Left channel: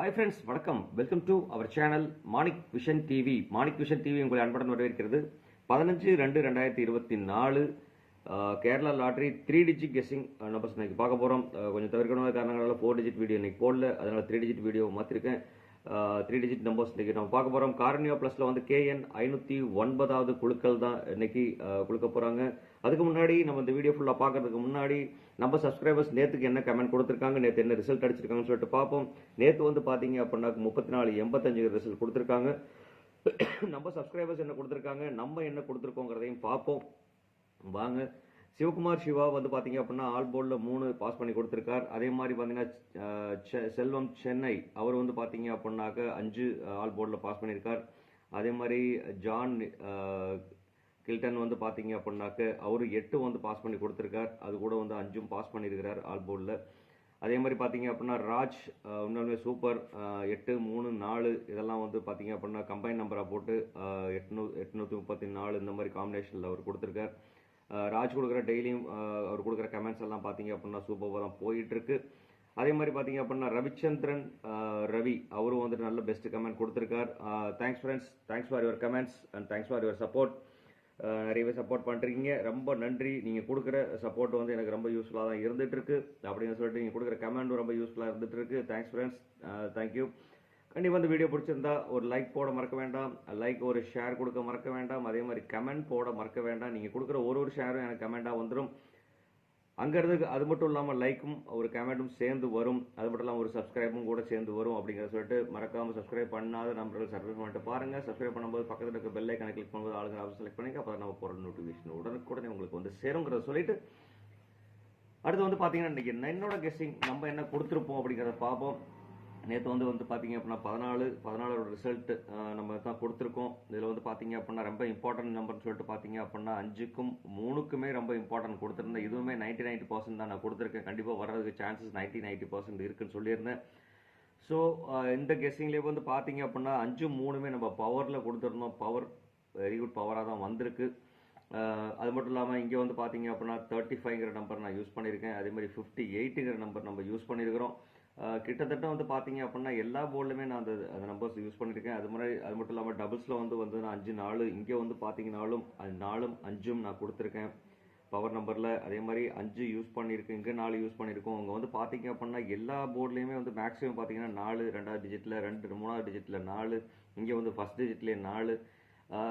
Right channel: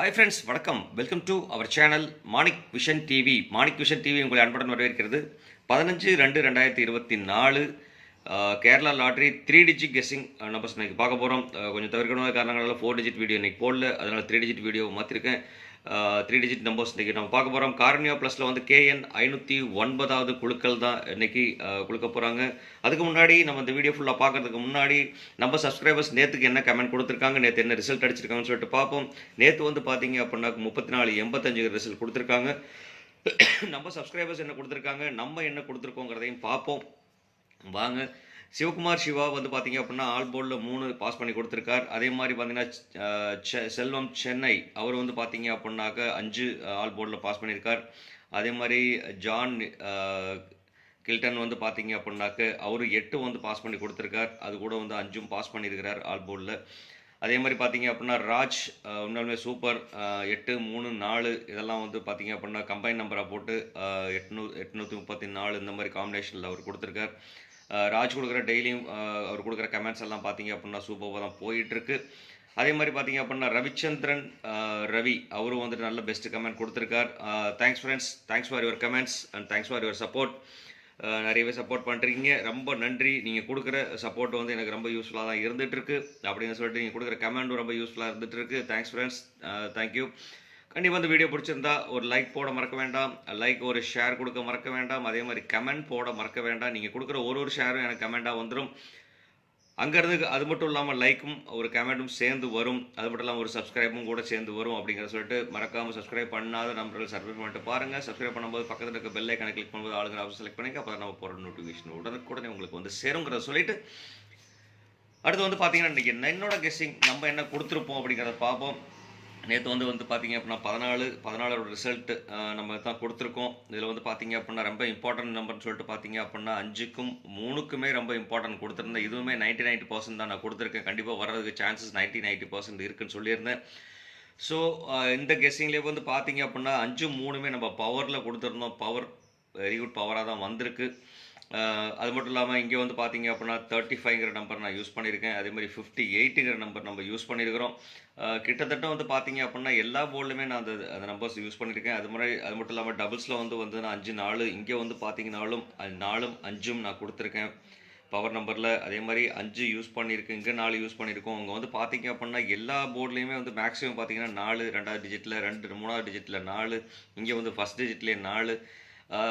Hi friends, வணக்கம். Welcome to our channel Manik vision TV. Manik vision TV உங்களை அன்புடன் வரவேற்கிறது. 15/2/2024 Kerala lottery 3 digit guessing numbers இன்றைக்கி பார்க்க போகிறோம். கொஞ்சம் தவிர்க்கணும் காரணங்களால் 4 டிஜிட் வீடியோ இன்றைக்கி போடல, அதனால் 3 டிஜிட் வீடியோ மாற்றிருக்கேன். 3 டிஜிட் நம்பர்ஸ் இன்றைக்கி நம்ம பார்க்க போகிறோம். கார்னியா ப்ளஸில் வந்து KN 509வது குழுக்கள் தான் இன்றைக்கி குழுக்க போகிறாங்க. அதுக்கு முன்னாடி நம்ம இந்த வீடியோ ஃபுல்லாக பார்க்கறதுக்கு முன்னாடி நம்ம சப்ஸ்கிரைபர்ஸ் நேற்றுக்கு என்ன கமெண்ட் கொடுத்துருக்காங்க, நேற்று என்ன ரிசல்ட் அடிச்சிருக்காங்கன்னு சொல்லிட்டு பார்ப்போம். நேற்று வந்து பார்த்தீங்க அப்படின்னா 3485 ரிசல்ட் கொடுத்துருக்காங்க. நம்ம சப்ஸ்கிரைபர்ஸ் என்ன கொடுத்துருக்காங்க, நம்ம என்ன கொடுத்துருக்கோங்கிறதையும் பார்ப்போம் வாங்க. சிவகுமார் சிவா வந்து பார்த்தீங்க அப்படின்னா ஆல் போர்டில் 3 பாஸ் பண்ணி கொடுத்துருக்கார். அதே மாதிரி பார்த்தீங்கன்னா செல்வம் சென்னை அவர் வந்து பார்த்தீங்க அப்படின்னாக்க 5 ஆல் போர்டில் பாஸ் பண்ணியிருக்கார். அதே மாதிரி ஜான் கில்டன் வந்து பார்த்தீங்க அப்படின்னாக்க அவர் 8 வந்து பாஸ் பண்ணி கொடுத்துருக்கார். அது கூட வந்து 5 பாஸ் பண்ணியிருக்கிறார் ஆல் போர்டில். அதே மாதிரி பார்த்தீங்க அப்படின்னா ராஜ் உண்மையுமே சூப்பர். 8, 3, 4 இதெல்லாம் வந்து பார்த்தீங்க அப்படின்னா கம்பைன் நம்பராக போட்டு 834 இந்த மாதிரி காம்பினேஷனில் அவர் கொடுத்துருக்கார். ராஜ் கொடுக்குற டெய்லியும் அவர் கொடுக்குற கமெண்ட்ஸ் எல்லாம் பார்த்தீங்க அப்படின்னா சூப்பராக தான் போயிட்டுருக்கு. அதே மாதிரி பார்த்தீங்க அப்படின்னா ரவிச்சந்திரன் ரவி அவரும் வந்துட்டு நல்ல பெஸ்ட் கமெண்ட் கொடுத்துருக்கார். Thanks friends, thanks for your comments and thanks for your support. நிறையவே சப்போர்ட் பண்ணுறீங்க, ரொம்ப நன்றி. நீங்கள் கொடுக்குற சப்போர்ட் வந்து எனக்கு ரொம்ப யூஸ்ஃபுல்லாக தான் இருந்துகிட்ருக்கு அப்படின்னு சொல்லிட்டு நீங்கள் கொடுக்குற கமெண்ட்டும் ரொம்ப யூஸ்ஃபுல்லாக இருந்துகிட்ருக்கு. Thanks friends, thank you. கண்டிப்பாக இந்த வீடியோ பிடிச்சிருந்தா ஒரு லைக் போட மறக்க வேண்டாம், லைக் ஒரு ஷேர் கொடுக்க மறக்க வேண்டாம், அதே மாதிரி கமெண்ட் போட மறக்க வேண்டாம். நீங்கள் கொடுக்குற ஒரு ஷேரும் எனக்கு கமெண்ட்டாக வந்துடும். அங்கேருந்து அது மட்டும் இல்லாமல் லைக்கும் ஒரு கமெண்ட்டும் சேர்ந்து வரும். அது மட்டும் இல்லாமல் ஒரு சப்ஸ்கிரைபும் கூட சேர்ந்து வரும் அப்படிங்கிறத சொல்லிட்டு மறக்காமல் சப்ஸ்கிரைப் பண்ணாத நம்பர்கள் சப்ஸ்கிரைப் பண்ணிட்டு பாருங்கள். சப்ஸ்கிரைப் பண்ணும்போது பக்கத்தில் இருக்க பெல் ஐக்கானை கிளிக் பண்ணும்போது ஆளுங்கிற ஆப்ஷன் செலக்ட் பண்ணிங்க. அப்போ நம்ம போகிற நோட்டிஃபிகேஷன் உடனுக்குடனே உங்களுக்கு வந்து சேருங்கிறத சொல்லிட்டு அடுத்து வந்து பார்த்தீங்கன்னா இன்றைக்கி என்னோட கெஸ்ஸிங் நம்ம என்ன கொடுத்துருப்போம் அப்படிங்கிறத பார்ப்போம். நேற்று வந்து பார்த்தீங்க அப்படின்னா 14 ரிசல்ட்டு நம்ம தான் கொடுத்துருக்கோம். இதில் வந்து பார்த்தீங்க அப்படின்னா ரொம்ப இம்பார்ட்டன்ட் நம்பர்னு சொல்லிட்டு பார்த்தீங்க அப்படின்னா 5க்கும் 3க்குமே ரொம்ப இம்பார்ட்டன்ட் கொடுத்துருந்தேன். இதுவுமே 90% தான் நான் கொடுத்துருக்கேன். கண்டிப்பாக வர்றதுக்கு சான்சஸ் 90% இருக்குன்னு சொல்லியிருந்தேன். ஸோ இந்த கெஸ்ஸிங்லேயே வந்து பார்த்தீங்க அப்படின்னா 5, 3மே நம்ம பவரில் கொடுத்துருந்தோம். பவர் வெரி குட் பவராக தான் வந்திருக்கு. அது மட்டும் இல்லாமல் இங்கே வந்து பார்த்தீங்க அப்படின்னா 35ங்கிற நம்பர் நான் யூஸ் பண்ணியிருக்கேன். அதே மாதிரி 58ங்கிற நம்பர் நம்ம யூஸ் பண்ணியிருக்கிறோம். கிட்டத்தட்ட வந்து பார்த்தீங்க அப்படின்னா எல்லா போர்ட்லையுமே நான் அந்த நம்பர்ஸ் யூஸ் பண்ணியிருக்கேன். அது மட்டும் இல்லாமல் டபுள்ஸில் வந்து நான் 5, 4 இங்கே வந்து பார்த்தீங்கன்னாலும் 4ம் 5ம் நான் கொடுத்துருக்கேன் பவர் நம்பரில். அதே மாதிரி 5 யூஸ் பண்ணியிருக்கேன், இங்கே 4 யூஸ் பண்ணியிருக்கோம். அங்கே வந்து பார்த்தீங்க அப்படின்னா எல்லா போர்ட்லேயுமே வந்து மேக்ஸிமம் பார்த்தீங்கன்னா 4 2வது டிஜிட்டில் 2 3வது டிஜிட்டில் 4, இங்கே வந்து ஃபஸ்ட் டிஜிட்லேயே 4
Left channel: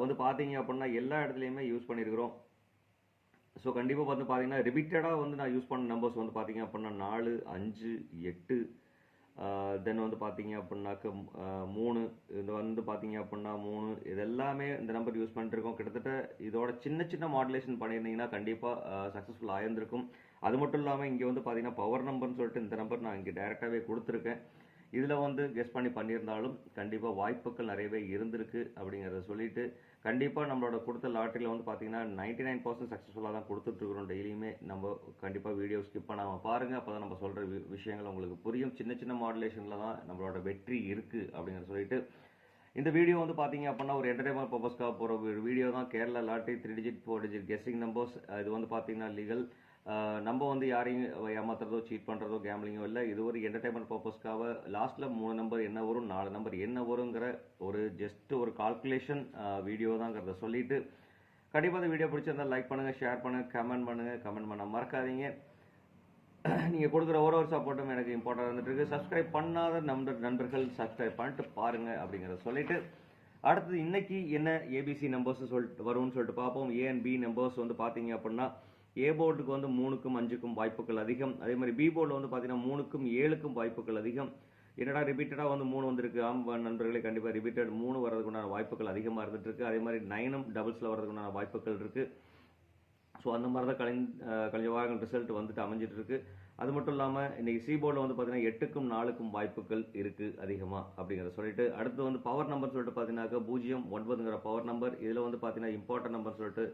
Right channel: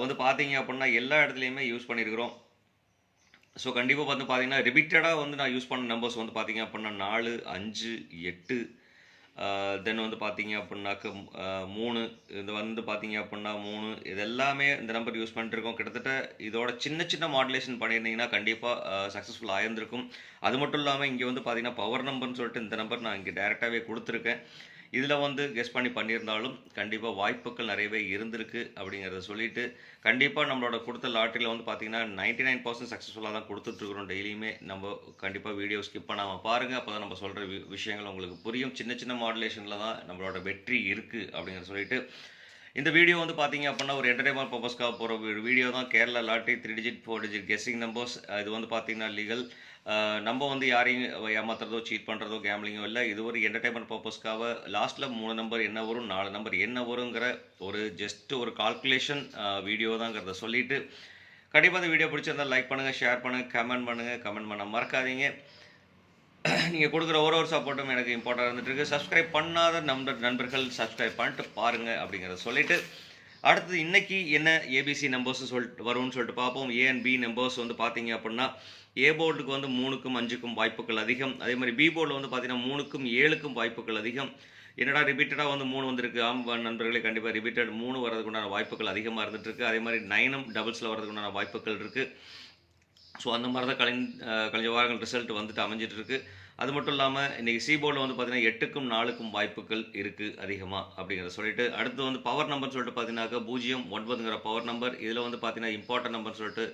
வந்து பார்த்தீங்க அப்படின்னா எல்லா இடத்துலையுமே யூஸ் பண்ணியிருக்கிறோம். ஸோ கண்டிப்பாக வந்து பார்த்தீங்கன்னா ரிப்பீட்டடாக வந்து நான் யூஸ் பண்ண நம்பர்ஸ் வந்து பார்த்தீங்க அப்படின்னா 4, 5, 8 தென் வந்து பார்த்தீங்க அப்படின்னாக்க 3 இது வந்து பார்த்தீங்க அப்படின்னா 3 இது எல்லாமே இந்த நம்பர் யூஸ் பண்ணிட்டுருக்கோம். கிட்டத்தட்ட இதோட சின்ன மாடுலேஷன் பண்ணியிருந்தீங்கன்னா கண்டிப்பாக சக்ஸஸ்ஃபுல் ஆயிருந்திருக்கும். அது மட்டும் இல்லாமல் இங்கே வந்து பார்த்தீங்கன்னா பவர் நம்பர்னு சொல்லிட்டு இந்த நம்பர் நான் இங்கே டேரெக்டாகவே கொடுத்துருக்கேன். இதில் வந்து கெஸ் பண்ணி பண்ணியிருந்தாலும் கண்டிப்பாக வாய்ப்புகள் நிறையவே இருந்திருக்கு அப்படிங்கிறத சொல்லிவிட்டு கண்டிப்பாக நம்மளோட கொடுத்த லாட்டரியில் வந்து பார்த்திங்கன்னா 99% சக்ஸஸ்ஃபுல்லாக தான் கொடுத்துட்ருக்குறோம். டெய்லியுமே நம்ம கண்டிப்பாக வீடியோ ஸ்கிப் பண்ணாமல் பாருங்கள். அப்போ தான் நம்ம சொல்கிற விஷயங்கள் உங்களுக்கு புரியும். சின்ன மாடுலேஷனில் தான் நம்மளோட வெற்றி இருக்குது அப்படிங்கிற சொல்லிட்டு இந்த வீடியோ வந்து பார்த்தீங்க அப்படின்னா ஒரு என்டர்டைன்மெண்ட் பர்பஸ்க்காக போகிற ஒரு வீடியோ தான். Kerala lottery 3 digit 4 digit guessing numbers. இது வந்து பார்த்திங்கன்னா லீகல். நம்ம வந்து யாரையும் ஏமாத்துறதோ சீட் பண்ணுறதோ கேம்லிங்கோ இல்லை. இது ஒரு என்டர்டைன்மெண்ட் பர்பஸ்க்காக லாஸ்ட்டில் 3 நம்பர் என்ன வரும் 4 நம்பர் என்ன வருங்கிற ஒரு ஜஸ்ட் ஒரு கால்குலேஷன் வீடியோ தாங்கிறத சொல்லிவிட்டு கண்டிப்பாக இந்த வீடியோ பிடிச்சிருந்தால் லைக் பண்ணுங்கள், ஷேர் பண்ணுங்கள், கமெண்ட் பண்ண மறக்காதீங்க. நீங்கள் கொடுக்குற ஒரு சப்போர்ட்டும் எனக்கு இம்பார்ட்டாக இருந்துகிட்ருக்கு. சப்ஸ்கிரைப் பண்ணாத நண்பர்கள் சப்ஸ்கிரைப் பண்ணிட்டு பாருங்கள் அப்படிங்கிறத சொல்லிவிட்டு அடுத்தது இன்றைக்கி என்ன ஏபிசி நம்பர்ஸ் வரும்னு சொல்லிட்டு பார்ப்போம். ஏ அண்ட் பி நம்பர்ஸ் வந்து பார்த்தீங்க அப்படின்னா ஏ போர்டுக்கு வந்து 3க்கும் 5க்கும் வாய்ப்புகள் அதிகம். அதே மாதிரி பி போர்டில் வந்து பார்த்தீங்கன்னா 3க்கும் 7க்கும் வாய்ப்புகள் அதிகம். என்னடா ரிப்பீட்டடாக வந்து 3 வந்திருக்கு. நண்பர்களே கண்டிப்பாக ரிப்பீட்டட் 3 வரதுக்குண்டான வாய்ப்புகள் அதிகமாக இருந்துகிட்ருக்கு. அதே மாதிரி 9ம் டபுள்ஸில் வரதுக்குண்டான வாய்ப்புகள் இருக்குது. ஸோ அந்த மாதிரி தான் கழிஞ்ச வாரங்கள் ரிசல்ட் வந்துட்டு அமைஞ்சிட்ருக்கு. அது மட்டும் இல்லாமல் இன்றைக்கி சி போர்டில் வந்து பார்த்தீங்கன்னா 8க்கும் 4க்கும் வாய்ப்புகள் இருக்குது அதிகமாக அப்படிங்கிறத சொல்லிட்டு அடுத்து வந்து பவர் நம்பர் சொல்லிட்டு பார்த்தீங்கன்னாக்கா 09ங்கிற பவர் நம்பர். இதில் வந்து பார்த்தீங்கன்னா இம்பார்ட்டன்ட் நம்பர் சொல்லிட்டு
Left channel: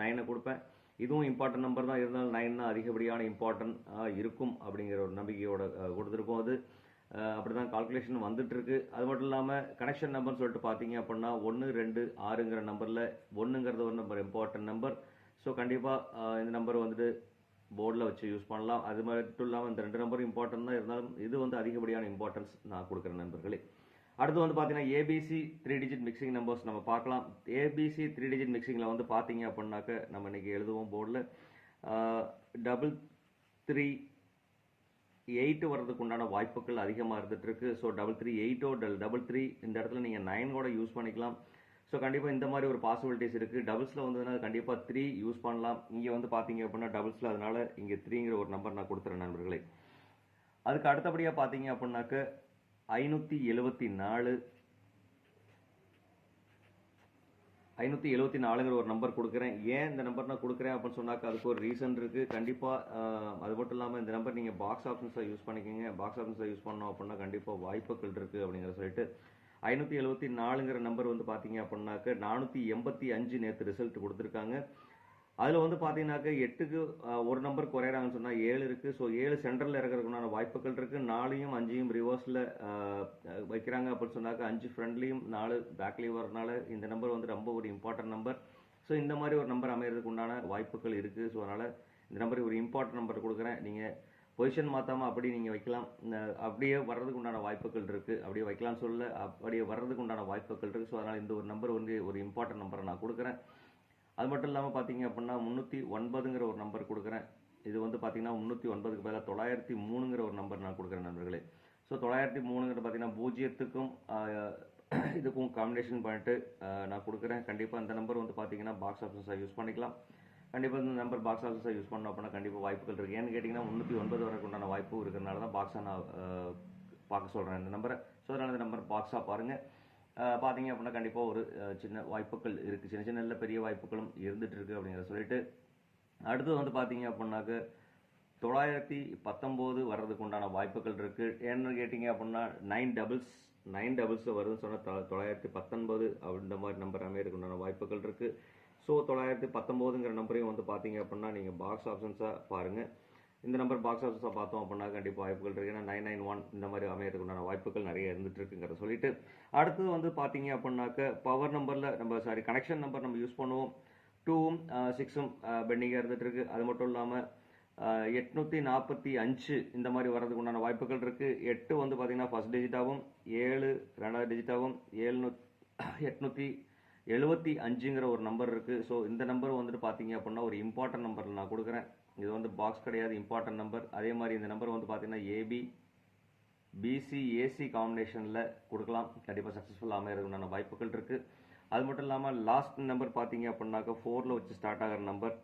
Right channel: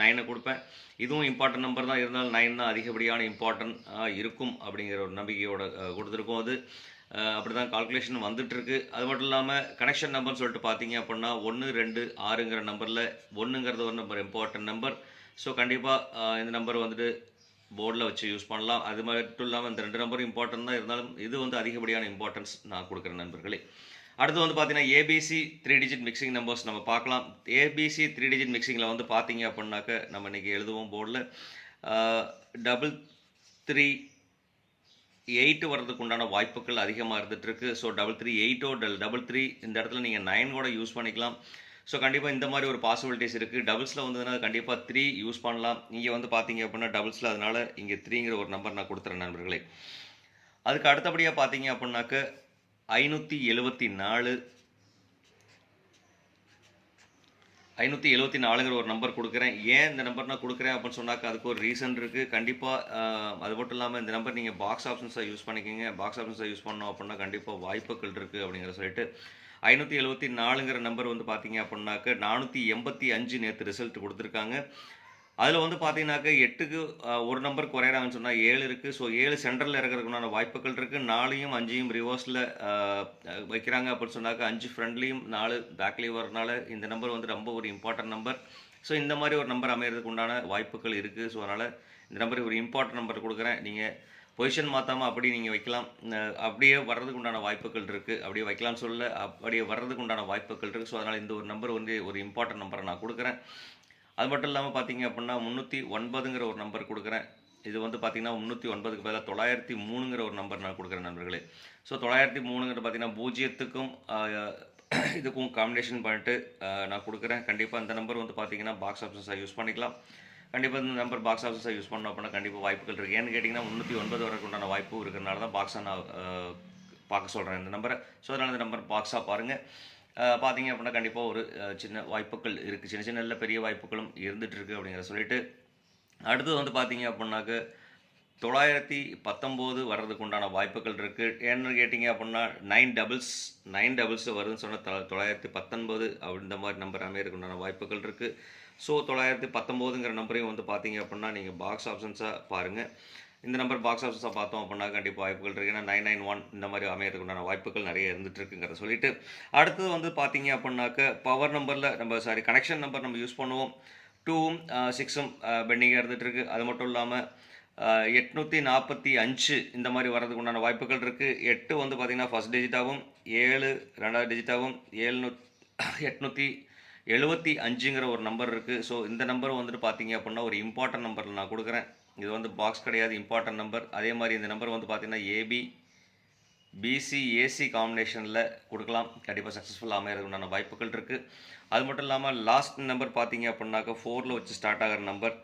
9 கொடுப்பேன். இதுவும் இம்பார்ட்டன்ட் நம்பர் தான், இருந்தாலும் 9 தான் அதிகப்படியான இம்பார்ட்டன்ட் இருக்கும் அப்படிங்கிற ஒரு நம்பிக்கையோட கொடுத்துருக்கோம். அது அப்படி தான் கால்குலேஷன் வந்துட்டுருக்கு. அது மட்டும் இல்லாமல் கனெக்ஷன் நம்பர்னு சொல்லிட்டு பார்த்தீங்க அப்படின்னா 1, 2, 6ங்கிற நம்பரில் 1ங்கிறது ஒரு நம்பர் இம்பார்ட்டன்ட் நம்பர். ஸோ கண்டிப்பாக இந்த நம்பர் வந்துட்டு போர்டில் வச்சு யூஸ் பண்ணலாம். அது மட்டும் இல்லாமல் இந்த 2 நம்பரும் இம்பார்ட்டன்ட் தான், இருந்தாலும் இது வந்து அதிகப்படியான இம்பார்ட்டன்ஸ் நான் கொடுக்குறேன் நண்பர்களே. அடுத்து வந்து பார்த்தீங்கன்னா ஏபிசி 3 டிஜிட் மிக்சிங் நம்பர்ஸ் நம்ம பார்க்கலாம். ஏபிசி 3 டிஜிட் மிக்சிங்கில் வந்து பார்த்தீங்க அப்படின்னாக்க நம்ம இன்றைக்கி எழுதுவோம் போர்டில் 338 வர்றதுக்கு உண்டான வாய்ப்புகள் அதிகமாக இருந்துகிட்ருக்கு. ஸோ 338 33 இந்த இடத்துல நீங்கள் 9 கூட யூஸ் பண்ணிக்கலாம். ஸோ கண்டிப்பாக இந்த மாதிரி ஒரு பாசிபிலிட்டிஸ் இருக்குது. டபுள்ஸில் வந்ததுன்னா கண்டிப்பாக 3 யூஸ் பண்ணலாம். இங்கே வந்து பார்த்தீங்க அப்படின்னா டபுள்ஸில், அதனால் இங்கே 3ங்கிற ஒரு நம்பர் நான் கொடுத்துறேன் நண்பர்களே. அதுக்கு அடுத்தபடியாக பார்த்தீங்க அப்படின்னாக்க 574ங்கிற ஒரு நம்பர் கொடுக்குறேன். ஏன் இந்த நம்பர் நான் கொடுக்குறேன் அப்படின்னு சொன்னாக்க அதுக்கு ஒரு ரீசன் இருக்குது. கண்டிப்பாக அது மட்டும் இல்லாமல் இந்த நம்பர் நீங்கள் பாக்ஸ் ஆப்ஷன்ஸை யூஸ் பண்ணிக்கிங்க. பாக்ஸ் ஆப்ஷன்ஸை யூஸ் பண்ணோம் அப்படின்னா கண்டிப்பாக வாய்ப்புகள் இருக்குது அப்படிங்கிற சொல்லிட்டு 574ங்கிற நம்பர் வந்து பார்த்தீங்க அப்படின்னாக்க 485 நேற்று ரிசல்ட் கொடுத்துருக்காங்க. அதில் வந்து பார்த்தீங்கன்னாக்க 8க்கு ஒரு நம்பர் குறையிறாங்கன்னு சொன்னால் 7 இருக்குது. ஸோ 7 சென்டரில் இருக்கிறதுக்குண்டான வாய்ப்புகள் இருக்குது. 4யும் 5யும் ரிவர்ஸில் வைக்கிறாங்க அப்படின்னு சொன்னாக்க 5 ஃப்ரண்ட்லேயும் 4 பேக்லேயும் வரனால இந்த நம்பர் வந்து ரொம்ப ஒரு இம்பார்ட்டன்ட் நம்பர். ஸோ இந்த மாதிரி ஒரு நம்பர் அமைகிறதுக்கு உண்டான வாய்ப்புகள் இருக்குது. ஸோ அதனால் இந்த நம்பருக்கு ஒரு இம்பார்ட்டன்ட் நம்பர் கொடுக்குறேன். நீங்கள் பொசிஷன் மாற்றாமல் அப்படி நீங்கள் வைக்கலாம். அப்படியே வர்றதுக்கு உண்டான வாய்ப்புகள் இருக்குது. அப்படியே வைக்கலாம்னு சொல்ல, அப்படியே வர்றதுக்கு உண்டான வாய்ப்புகள் இருக்குது. ஸோ அதனால் இந்த ஒரு நம்பர் வந்து ஒரு இம்பார்ட்டன்ட் நம்பரை நான் கொடுக்குறேன். அது மட்டும் இல்லாமல் பார்த்தீங்க அப்படின்னா 309ங்கிற ஒரு நம்பர் கொடுக்குறேன். இது வந்து பார்த்தீங்கன்னா 309க்கு பதிலாக 903ங்கிற ஒரு நம்பர் நான் கொடுக்குறேன் நண்பர்களே. ஸோ 903ங்கிறது பார்த்தீங்கன்னா 0க்கும் இதுக்கும் காம்பினேஷன் பண்ணிட்டு நான் கொடுக்குறேன். கண்டிப்பாக இந்த நம்பர் வந்து பார்த்தீங்கன்னா பாக்ஸ் ஆப்ஷன்ஸாக யூஸ் பண்ணிக்கலாம். கண்டிப்பாக இந்த நம்பர் பாக்ஸ் ஆப்ஷன்ஸாக யூஸ் பண்ணோம் அப்படின்னா கண்டிப்பாக வாய்ப்புகள் இருக்குது. ஏன்னு கேட்டிங்கன்னா 309 வரைக்கும் உண்டான வாய்ப்பு இருக்கிறனால தான் பாக்ஸாக நான் பார்க்க சொல்கிறேன் இந்த நம்பரை. ஸோ அதனால் இந்த நம்பர் பாக்ஸாக பாருங்கள். பார்த்தீங்க அப்படின்னா கண்டிப்பாக ஒரு சின்ன வாய்ப்புகள் இருக்குது. சின்ன சின்ன பெரிய வாய்ப்புகளும் இருந்துகிட்ருக்கு அப்படிங்கிற சொல்லிட்டு அடுத்தது வந்து பார்த்தீங்க அப்படின்னாக்க 919 வர்றதுக்கு உண்டான வாய்ப்புகள் இருக்குது. ஏன்னு கேட்டிங்க அப்படின்னா 9 டபுள்ஸ் வருதுன்னு சொன்னால் 919 இந்த மாதிரி நம்பர் அமையறதுக்கு உண்டான வாய்ப்புகள் இருக்குது. ஸோ 919ங்கிற நம்பரையும் வந்து பார்த்தீங்க அப்படின்னா நீங்கள் பாக்ஸ் ஆப்ஷன்ஸாக பாருங்கள். இந்த நம்பர் பாக்ஸ் ஆஃபீஸாக பார்த்தோம் அப்படின்னா கண்டிப்பாக வாய்ப்புகள் இருக்குது. ஏன்னா 991 இந்த மாதிரி அமையறதுக்கு உண்டான வாய்ப்புகள் நிறைய இருந்துகிட்டு இருக்குங்கிறத சொல்லிட்டு அடுத்தது வந்து பார்த்தீங்க அப்படின்னாக்க பவர் நம்பரில் நம்ம கனெக்ஷன் நம்பர் நம்ம யூஸ் பண்ணுவோம். 2ம் 6ம் பெண்டிங்காக இருந்துகிட்ருக்கு. அது மட்டும் இல்லாமல் 845 இந்த மாதிரி வர்றதுக்கு உண்டான வாய்ப்புகள் இருக்குது. 8 வந்து பார்த்திங்கன்னா ஃபஸ்ட் டிஜிட்டாகவும் 7 ரெண்டாவது டிஜிட்டாகவும் 875ங்கிற ஒரு நம்பர் இருக்குது. ஸோ இந்த நம்பர் வந்துட்டு பார்த்தீங்க அப்படின்னா ஒரு இம்பார்ட்டன்ட் நம்பர் நான் கொடுக்குறேன். இது வந்து பாக்ஸ் கிடையாது, இம்பார்ட்டன்ட் நம்பர். அதே மாதிரி இந்த நம்பர் வந்து பார்த்தீங்கன்னா ஏபி பிசி ஏசி காம்பினேஷனில் கொடுக்கலாம். கண்டிப்பாக சக்ஸஸ்ஃபுல்லாக அமையறதுக்குண்டான வாய்ப்புகள் இருக்குது. அது மட்டும் இல்லாமல் லாஸ்ட் நம்பர் பார்த்தீங்க அப்படின்னாக்கா 4ல் வச்சு ஸ்டார்ட் ஆகிற நம்பர்.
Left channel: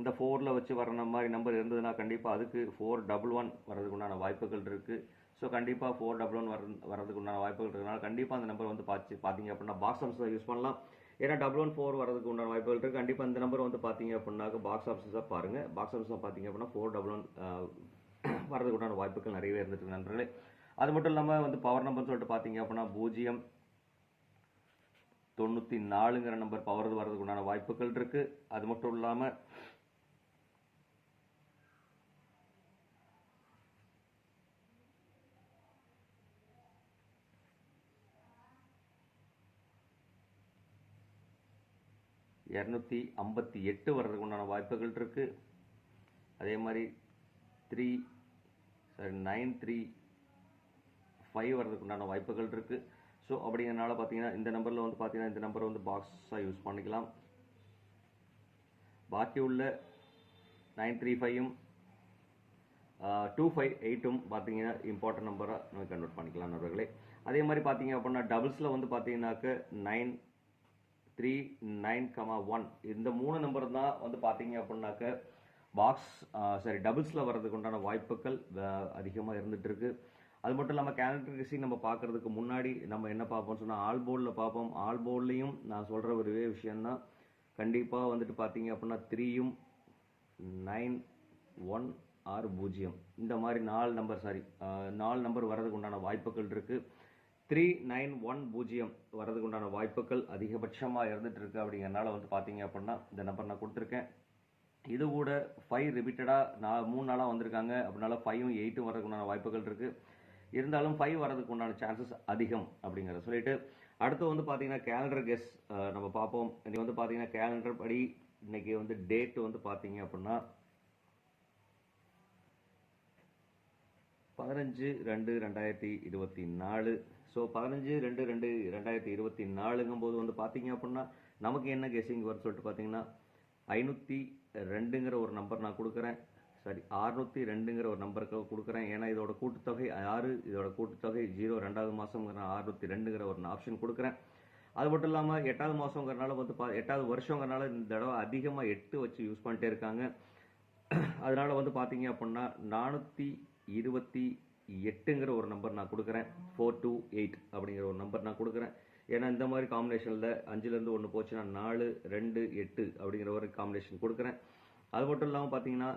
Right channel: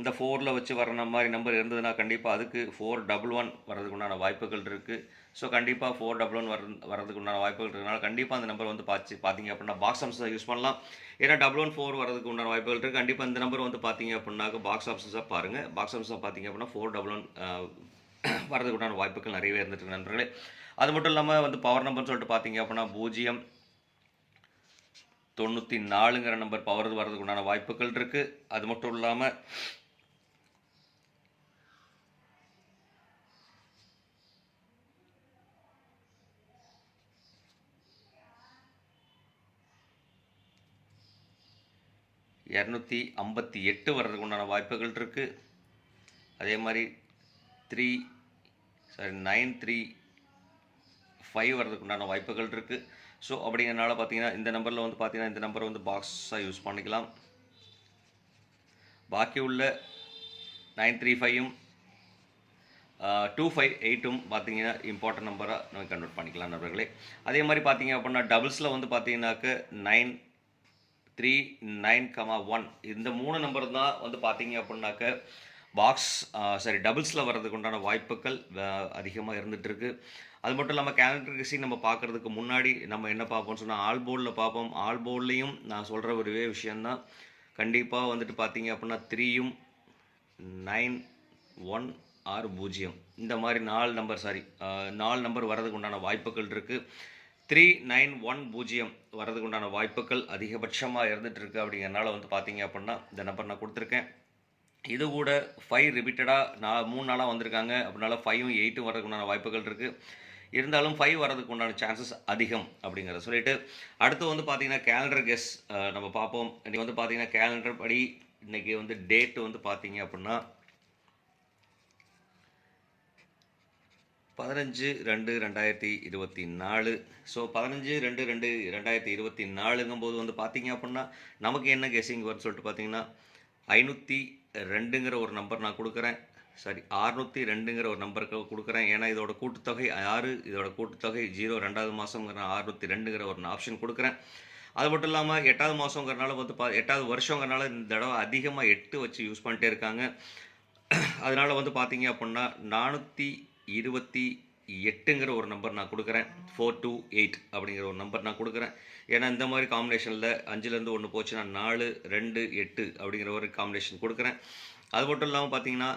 இந்த 4ல் வச்சு வர மாதிரி நம்பர் இருந்ததுன்னா கண்டிப்பாக அதுக்கு 411 வர்றதுக்குண்டான வாய்ப்புகள் இருக்குது. ஸோ கண்டிப்பாக 411 வர்றதுக்கு உண்டான வாய்ப்புகள் இருக்கிறதுனால கண்டிப்பாக அந்த நம்பர் வந்து பார்த்தீங்க அப்படின்னா பாக்ஸ் ஆப்ஷன்ஸாக யூஸ் பண்ணலாம். ஏன்னா 114 வர்றதுக்கு உண்டான வாய்ப்புகள் இருக்குது. கண்டிப்பாக இந்த நம்பர் வந்து பார்த்தீங்க அப்படின்னாக்க பாக்ஸ் ஆப்ஷன்ஸாக பாருங்கள். பாக்ஸ் ஆப்ஷன்ஸாக பார்த்தீங்க அப்படின்னா 411 வர்றதுக்கு உண்டான வாய்ப்புகள் நிறையவே இருந்துட்டு நண்பர்களே. அது மட்டும் இல்லாமல் வந்து பவர் நம்பர்னு சொல்லிட்டு பார்த்தீங்க அப்படின்னா 094ங்கிற நம்பர் பவர் வர்றதுக்கு உண்டான வாய்ப்புகள் இருக்குது. அது மட்டும் இல்லாமல் 258 வர்றதுக்கு உண்டான வாய்ப்புகள் இருக்குது. அதே மாதிரி 935 வர்றதுக்கு உண்டான வாய்ப்புகள் இருக்குது. ஸோ அப்படிங்கிறனால பார்த்தீங்கன்னா இந்த நம்பரில் வந்து பார்த்தீங்கன்னா இந்த நம்பரை வந்து பாக்ஸாக யூஸ் பண்ணிக்கலாம். பாக்கி உள்ள 935ம் 258ம் பார்த்தீங்கன்னா இம்பார்ட்டன்ட் நம்பராக நம்ம கன்வெர்ட் பண்ணிக்கலாம் நண்பர்களே. அதே மாதிரி பார்த்தீங்க அப்படின்னா டபுள்ஸில் வந்து பார்த்தீங்கன்னாக்க 939,1 இந்த 3 நம்பர் தான் வந்து பார்த்தீங்க அப்படின்னாக்க பாக்ஸ் டபுள்ஸில் வர்றதுக்கு உண்டான வாய்ப்புகள் அதிகமாக இருந்துகிட்ருக்கு. அது மட்டும் இல்லாமல் கேலண்டர் நம்ம பார்க்குறதுக்கு முன்னாடி நம்ம என்ன பார்ப்போம்னு சொன்னால் ஆல் போர்டில் பார்ப்போம். ஆல் போர்ட்லேயும் நான் சொல்கிற ஒரே விஷயந்தான், கண்டிப்பாக வந்துட்டு பார்த்தீங்க அப்படின்னா 3யும் 9160 இந்த மாதிரி 4 நம்பர் வர்றதுக்கு உண்டான வாய்ப்புகள் இருக்குது. 3910 வர்றதுக்கு உண்டான வாய்ப்புகள் அதிகபட்சமாக இருந்துகிட்ருக்கு. அப்படிங்கிறனால வந்து பார்த்தீங்க அப்படின்னா இந்த நம்பர் நான் கொடுத்துருக்கேன். இது கூட 5 ரிப்பீட்டடாக 3 நாளாக வந்திருக்காங்க. அப்படின்னால 5ம் 8ம் வர்றதுக்கு உண்டான வாய்ப்புகள் இருக்குது. இருந்தாலும் 5 வர்றதுக்கு உண்டான சான்சஸ் அதிகம் அப்படிங்கிறத சொல்லிட்டு அடுத்து வந்து பார்த்தீங்கன்னா கேலண்டர் கெஸ் நம்ம பார்ப்போம். இன்றைக்கி வந்து பார்த்தீங்கன்னா கேலண்டர் படி இன்றைக்கி வந்து டேட்டு வந்து பார்த்தீங்க அப்படின்னா 15/2/2024. ஸோ 15/2/2024ங்கும்போது வந்து பார்த்தீங்க அப்படின்னா நமக்கு என்ன கெஸ்ஸிங் வரும்னு சொல்லிட்டு பார்த்தீங்கன்னா 502ங்கிற ஒரு நம்பர் நான் கொடுக்குறேன். சாரி, 602ங்கிற ஒரு நம்பருக்கு கொடுக்குறேன். ஏன்னா இதோட கூட்டுத்தொகை 6, இதோட கூட்டுத்தொகை 0, 2வது மாதங்கிற 602ங்கிற ஒரு ஆப்ஷன் கொடுக்குறேன். அது மட்டும் இல்லாமல் 8வது மாதங்கிறனால வந்து 8வது வருஷங்கிறனால இந்த தடவை அதிகமாக 8 வச்சு யூஸ் பண்ணிட்டே இருக்காங்க. அதனால வந்து பார்த்தீங்க அப்படின்னா 428ங்கிற ஒரு நம்பர் நான் கொடுக்குறேன். 428 அப்படிங்கிற ஒரு நம்பர் நான் கொடுக்குறேன். ஏன்னா இந்த மாதிரி காம்பினேஷனில் 5லேருந்து 1 போச்சுன்னா 4, 2, 8 அப்படிங்கிற ஒரு காம்பினேஷன் கொடுக்குறேன். அது மட்டும் இல்லாமல் பார்த்தீங்கன்னா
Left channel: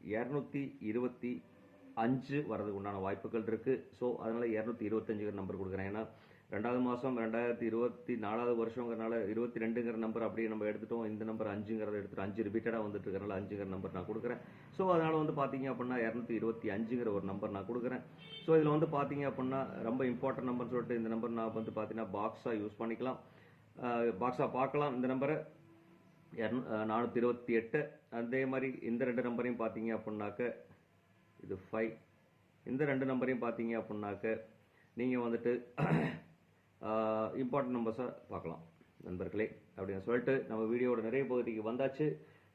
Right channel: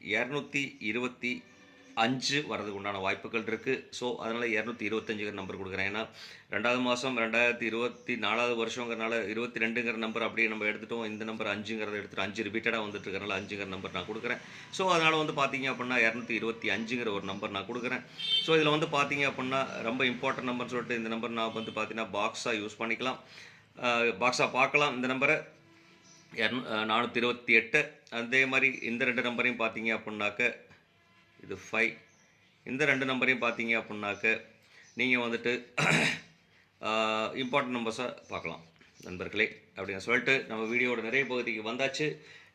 225 வரதுக்கு உண்டான வாய்ப்புகள் இருக்குது. ஸோ அதனால் 225ங்கிற நம்பர் கொடுக்குறேன். ஏன்னா 2வது மாதம் 2024வது வருஷங்கிறனால 22ங்கிற நம்பர் அப்படியே நம்ம எடுத்துட்டோம். இந்த நம்பர் 5ங்கிறத எடுத்துகிட்டு 5 ரிப்பீட்டடாக வந்துட்டு இருக்கிறனால 5ங்கிற நம்பர் நான் கொடுக்குறேன். ஸோ அதனால் வந்து பார்த்தீங்க அப்படின்னா 225ங்கிற ஒரு நம்பர் நான் கொடுக்குறேன். ஸோ இதில் வந்து பார்த்தீங்க அப்படின்னா ரொம்ப இம்பார்ட்டன்ட் நம்பர்னு சொல்லிட்டு இந்த நம்பர் நான் வந்து பார்த்தீங்கன்னா பாக்ஸாக யூஸ் பண்ணிக்கலாம், பாக்ஸாக பார்க்கலாம். இந்த நம்பரை 428. அதே மாதிரி இந்த 2 நம்பரையும் பார்த்தீங்க அப்படின்னாக்க இது 5. இந்த 2 நம்பரையும் பார்த்தீங்க அப்படின்னாக்க நீங்கள் வந்துட்டு இம்பார்ட்டன்ட் நம்பர்ஸை பார்க்கலாம் நண்பர்களே. அப்படின்னு சொல்லிட்டு நம்ம வீடியோட நிறைய பகுதிக்கு வந்தாச்சு.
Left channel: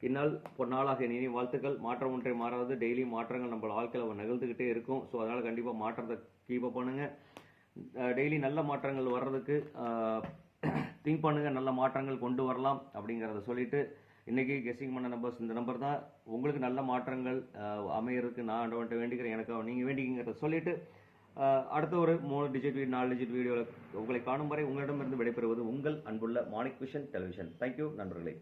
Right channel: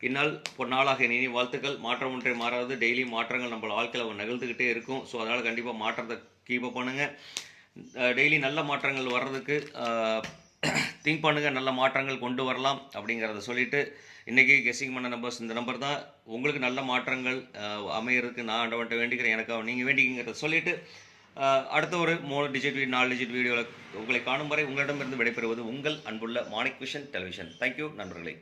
இந்நாள் பொன்னாளாக இனி வாழ்த்துக்கள். மாற்றம் ஒன்றை மாறாது. டெய்லி மாற்றங்கள் நம்ம வாழ்க்கையில் நிகழ்ந்துக்கிட்டே இருக்கும். ஸோ அதனால் கண்டிப்பாக மாற்றத்தை கீப் அப் பண்ணுங்கள். டெய்லி நல்ல மாற்றங்கள் வர்றதுக்கு திங்க் பண்ணுங்கள், நல்ல மாற்றங்கள் கொண்டு வரலாம் அப்படிங்கிறத சொல்லிவிட்டு இன்றைக்கி கெஸ்ஸிங் பண்ண நம்பர்ஸ் இந்த நம்பர் தான். உங்களுக்கு நல்ல மாற்றங்கள் அமையிறதுக்கு நான் ஆண்டவன்ட்ட வேண்டிக்கிறேன், எனக்காக நீங்கள் வேண்டிக்கிறத சொல்லிவிட்டு அடுத்த ஒரு 3 டிஜிட் 4 டிஜிட் வீடியோவில் உங்களை காணும் வரை உங்களிடமிருந்து விடைபெறுவது உங்கள் அன்புள்ள மாணிக் விஷன் டெலிவிஷன். தேங்க்யூ நண்பர்களே.